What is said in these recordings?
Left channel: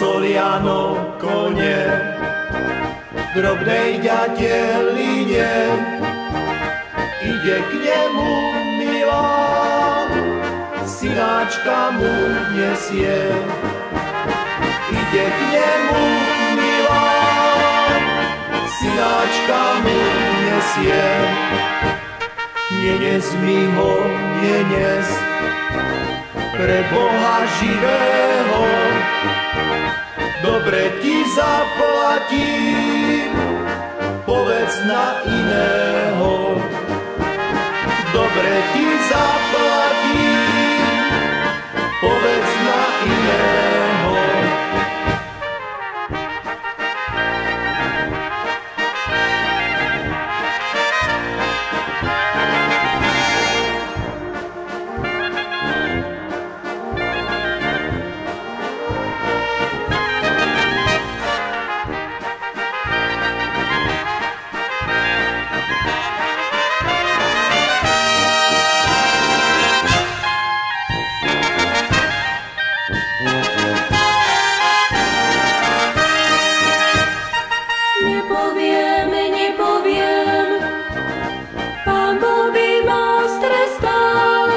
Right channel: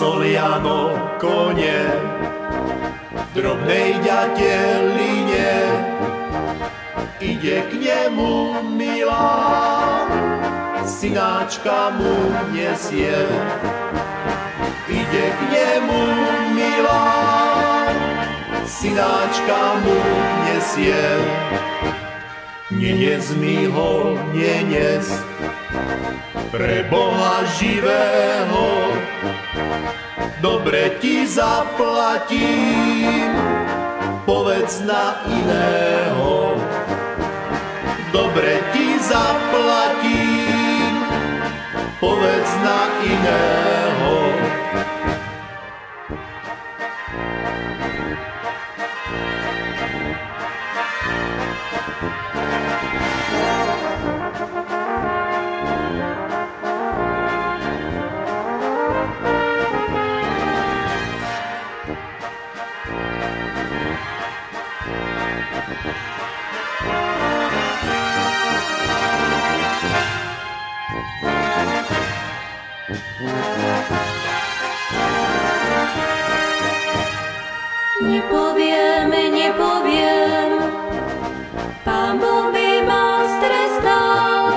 Soliano konie v drobnej ďateline. Ide k nemu milá, synáčka mu nesie. Ide k nemu milá, synáčka mu nesie. Nenes mi ho, nenes, pre Boha živého, dobre ti zaplatím, povedz na iného. Dobre ti zaplatím, povedz na iného. Nepoviem, Pán Boh by ma strestal,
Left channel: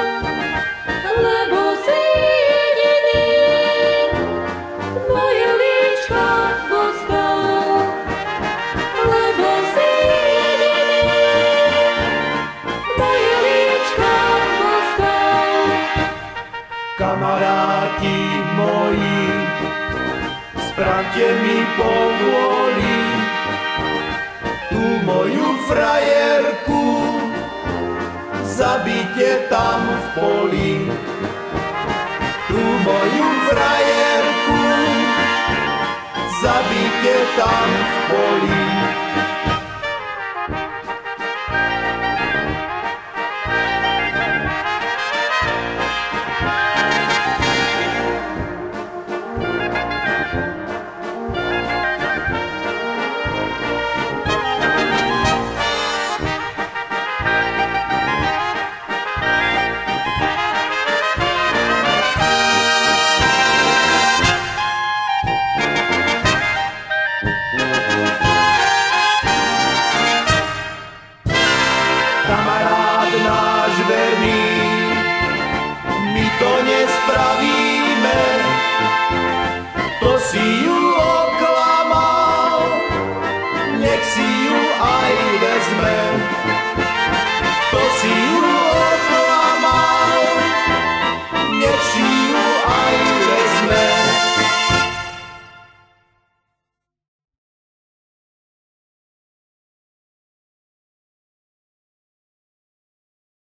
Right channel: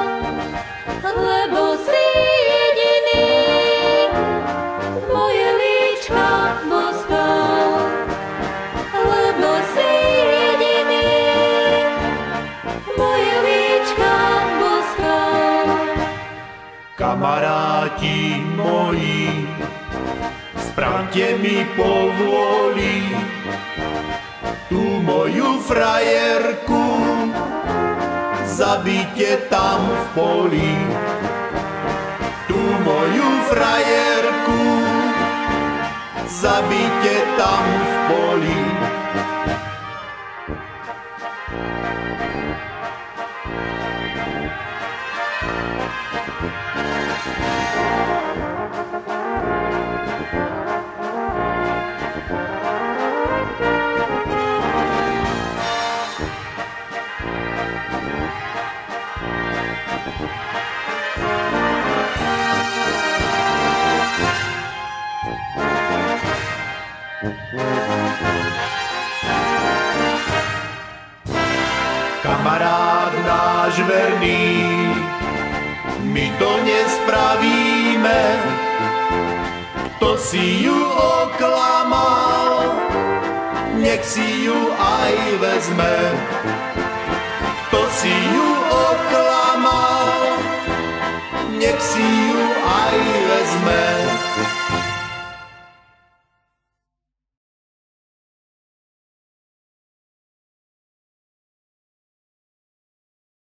lebo si jediný moje líčka boskal, lebo si jediný moje líčka boskal. Kamaráti moji, spravte mi povôli, tú moju frajerku zabite tam v poli. Tú moju frajerku zabite tam v poli. Kamarád náš verný, my to nespravíme, kto si ju oklamal, nech si ju aj vezme.